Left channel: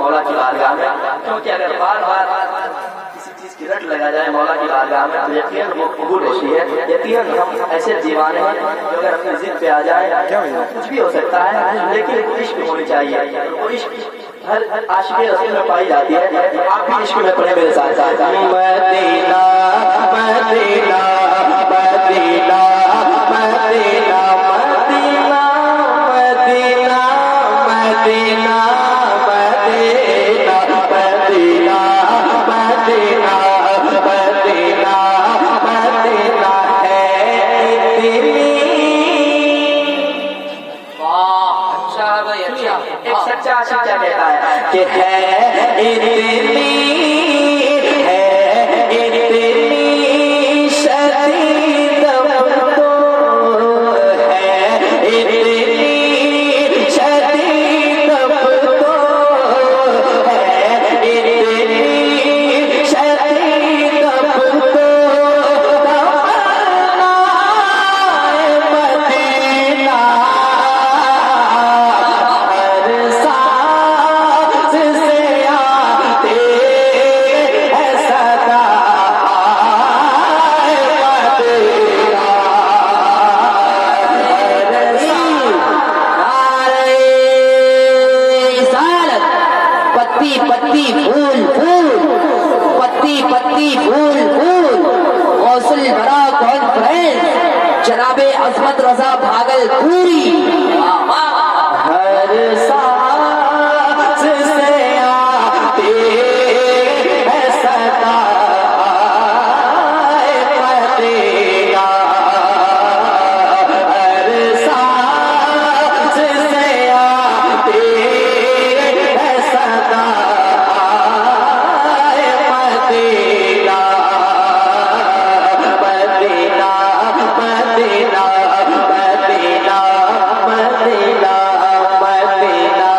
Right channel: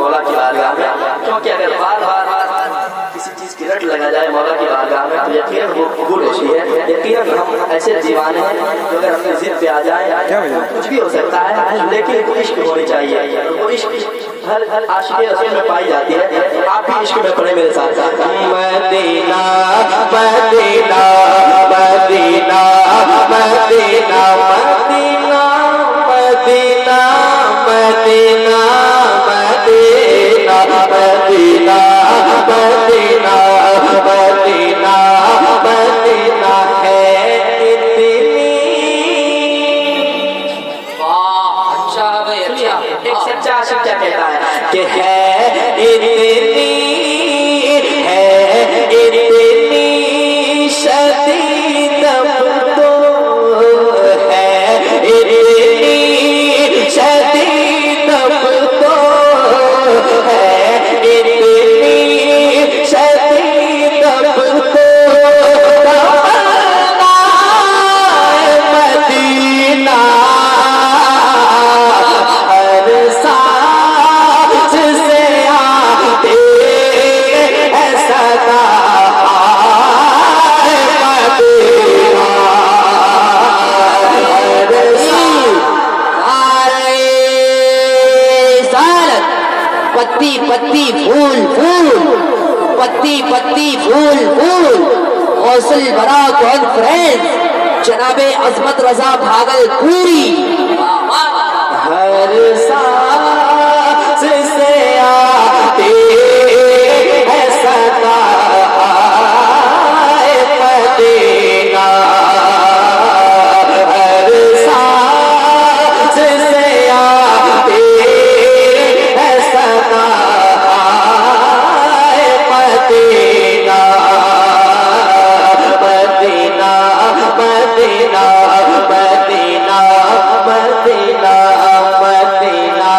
मौला की बारगाह में, क्योंकि अगर बार बार किसी चीज की रट लगा जाए मौला की बारगाह में तो यकीनन वो कबूल होती है। यकीनन हम ऐसे दीवाने हैं जो अगर अपनी जिद पे आ जाए तो कुछ भी हो सकता है, लेकिन वो इश्क होनी चाहिए। वो इश्क हर आशिक़ रसूल में पाई जाती है। आप भी इश्क में पड़े मेरे साथ। Madina Medina Medina Medina Medina Medina Medina Medina Medina Medina Medina Madina है इतनी। वाह, अच्छा है भाई, अच्छा। एक सच्चा आशिक़ क्या कहता है कि है इतनी शदीद तो है इतनी शदीद तो है इतनी शदीद तो मदीना हर सांस से आते हैं सदा मदीना। पत्ती पत्ती फूल फूल, पत्ती पत्ती फूल फूल, हौसल बड़ा कॉन्फ्रेंस जनाबे अजमत रजा भागलपुरी। हर सांस से आते हैं सदा मदीना। हर सांस से आते हैं सदा Madina Medina Medina Medina Medina Medina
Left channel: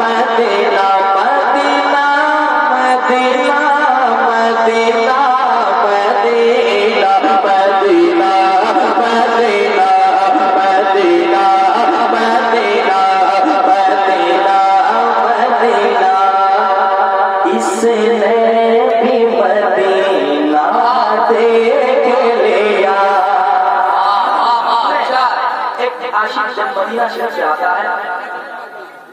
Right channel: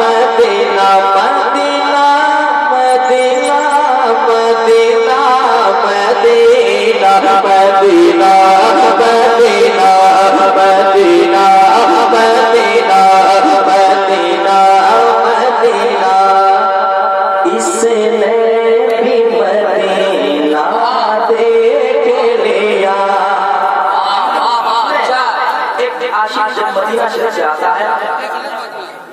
Medina Medina Medina Medina Medina Medina Medina Medina Medina Medina Madina. इसने भी मदीना देख लिया। एक आशिक़ जब मदीना शरीफ से आता है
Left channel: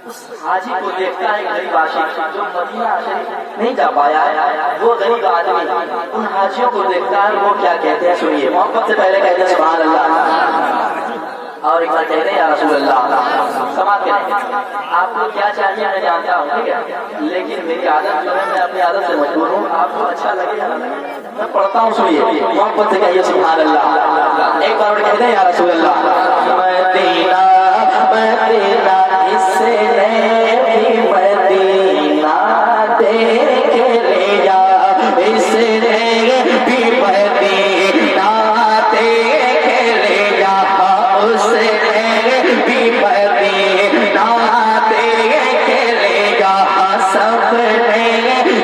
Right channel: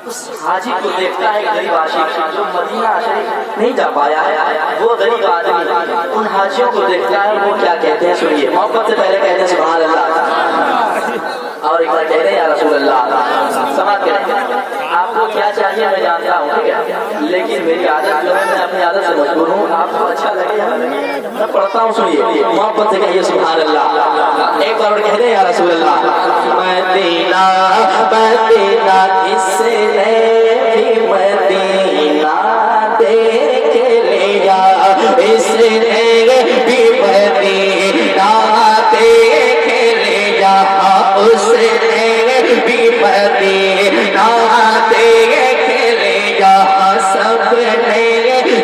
उस हाजी को देखता है, गरीब आशिक़ जो मदीना शरीफ नहीं जा पाया है, वो गरीब आदमी उन हाजियों को देखता है। वो क्या कहते हैं सुनिए, मोहब्बत से पहले कहते हैं सुभान अल्लाह, और एक बार कहते हैं या रसूल अल्लाह। समाज करें आपको क्या चाहिए मैं जानता हूँ, ठीक है, लेकिन मेरी आदत जो है मैं अपनी आदत से मजबूर हूँ। आपको अच्छा लगे या ना लगे मैं पढ़ता हूँ, सुनिए मोहब्बत से कहिए सुभान अल्लाह। एक बार कहते हैं या रसूल अल्लाह। मदीना मदीना इसने भी मदीना देख लिया, इसने भी मदीना देख लिया, उसने भी मदीना देख लिया, सबने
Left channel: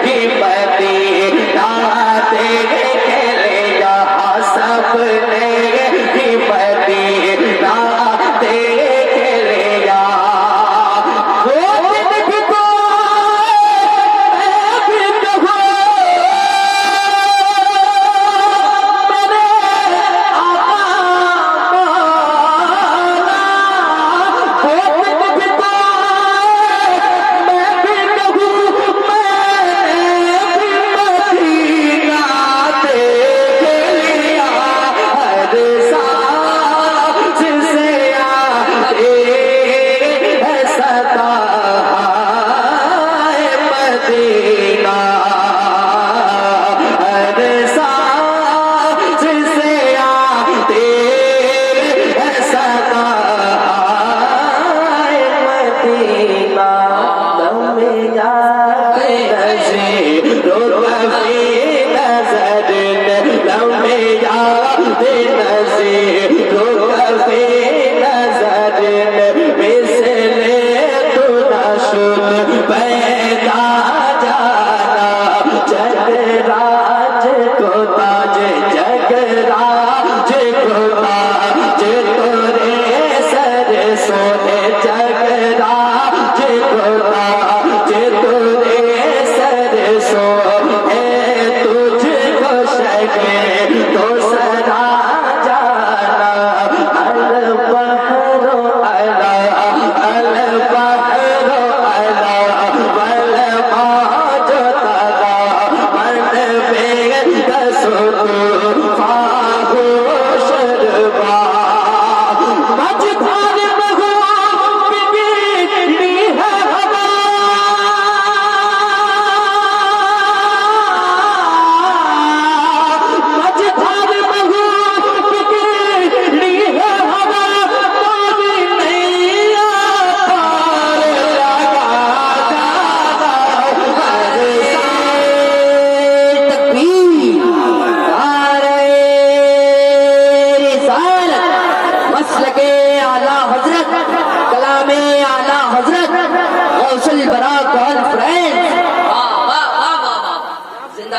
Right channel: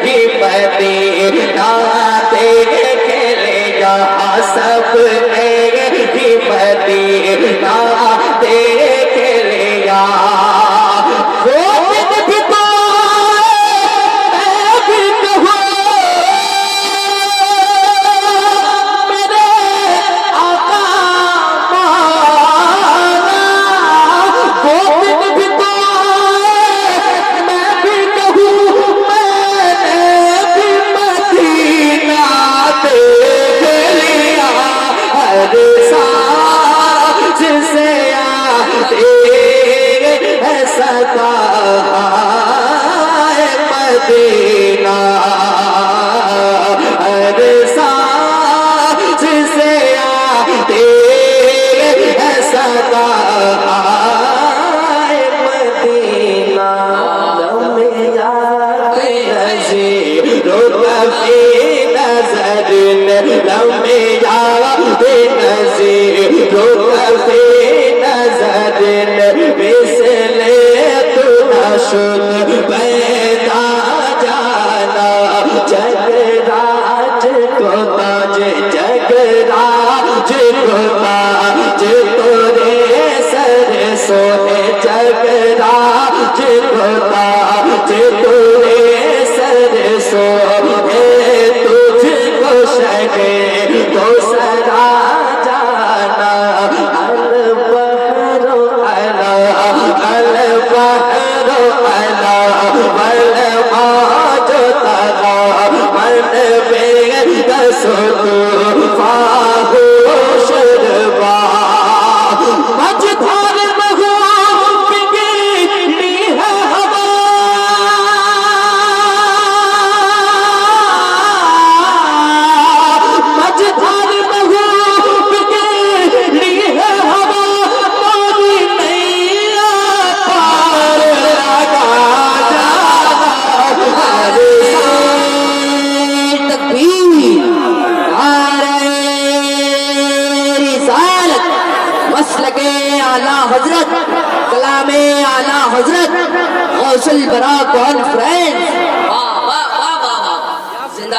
भी मदीना देख लिया, सबने भी मदीना देख लिया। पैदा जा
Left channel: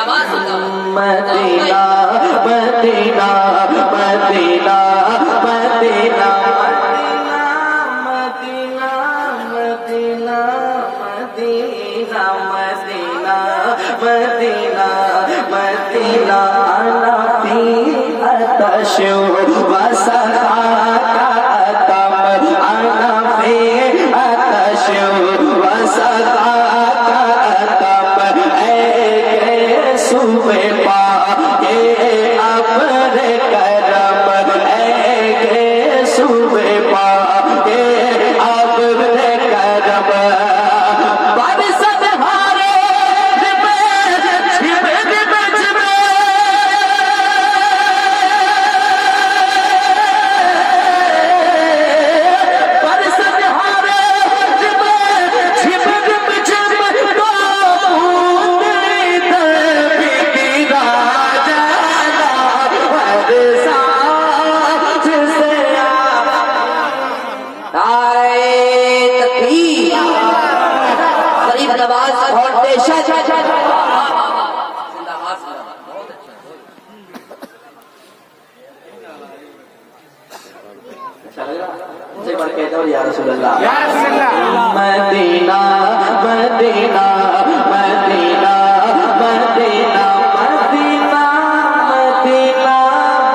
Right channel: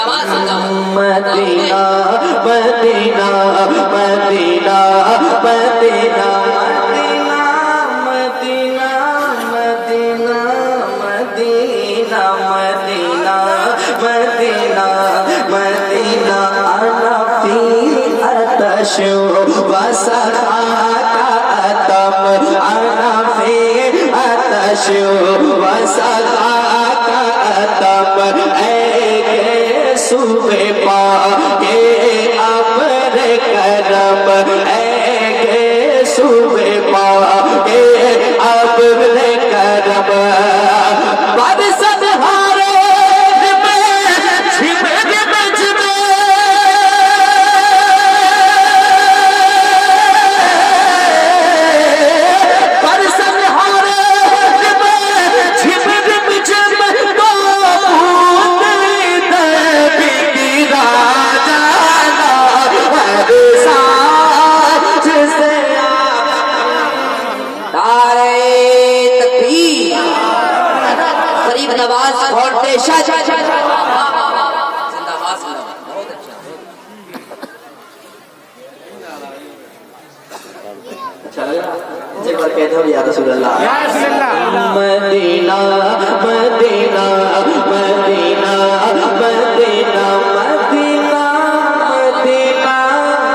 आवाज से जाओ। Madina Medina Medina Medina Medina Medina Medina Medina Medina Madina अना फी अतश वसआतम अना फी अतश वसआतम ऐ सुबह पाके अपने करम ऐ सुबह पाके अपने करम बरसत हारे में छिपे बिच में बरसत हारे में छिपे बिच में तो गरीब नवाज फाउंडेशन जिंदाबाद जिंदाबाद। बहुत अच्छा बहुत चलेगा एक बार कहते हो या रसूल अल्लाह। Medina Medina Medina Medina Medina Medina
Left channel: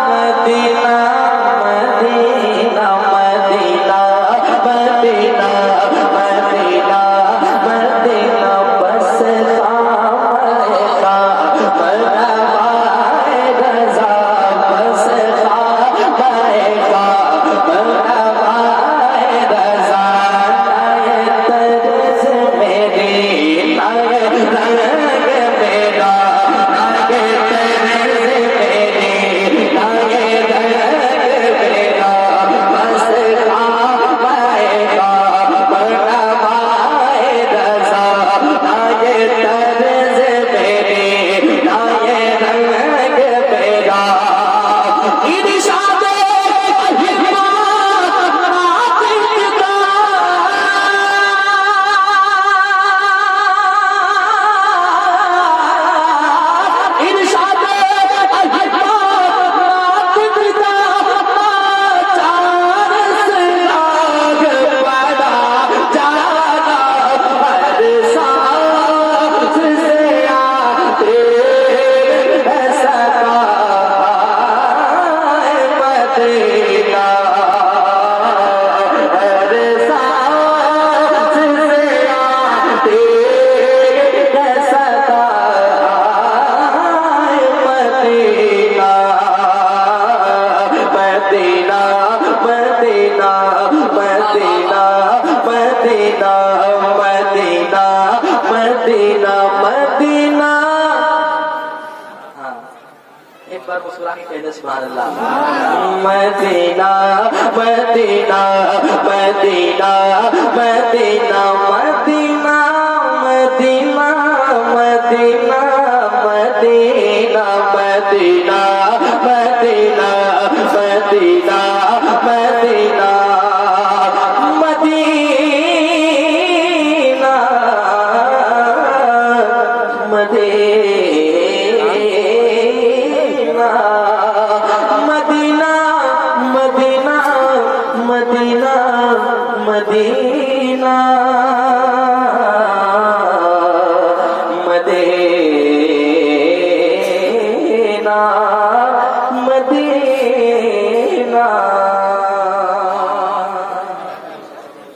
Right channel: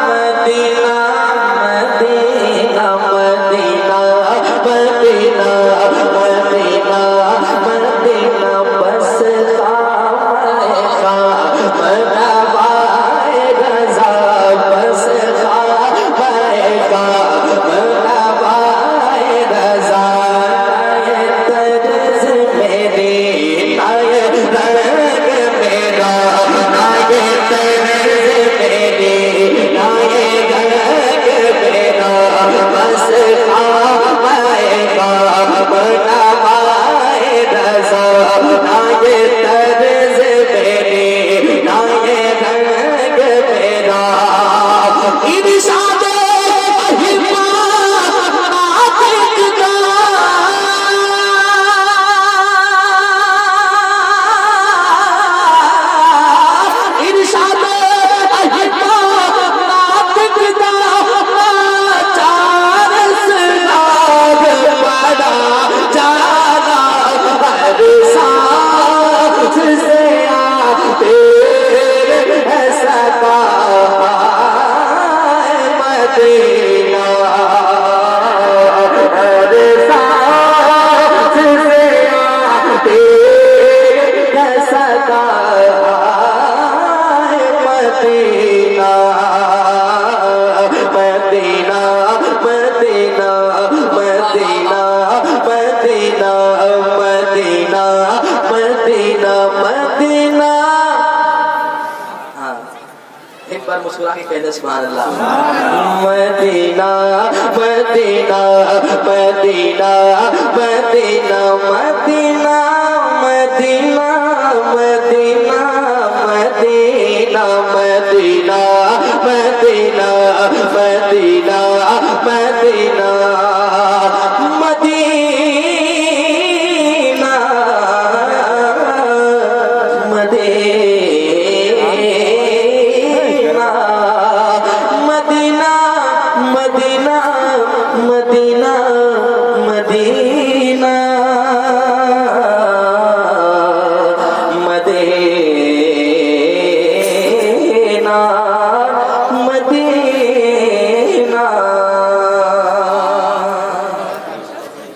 Medina Medina Medina Medina Medina Medina बस खाएगा बनवाए रज़ा बस खाएगा बनवाए रज़ा तर्ज़ मेरे नाये रंग मेरा नाये तर्ज़ मेरे नाये रंग मेरा बस खाएगा बनवाए रज़ा नाये तर्ज़ मेरे नाये रंग मेरा इरशाद Medina Medina Medina Medina Medina Medina Medina. हाँ एक बार मुस्कुरा के कह दे सुभान अल्लाह। Medina Medina Medina Medina Medina Medina Medina Medina Medina Medina Medina Medina Medina Medina Medina Medina Medina Medina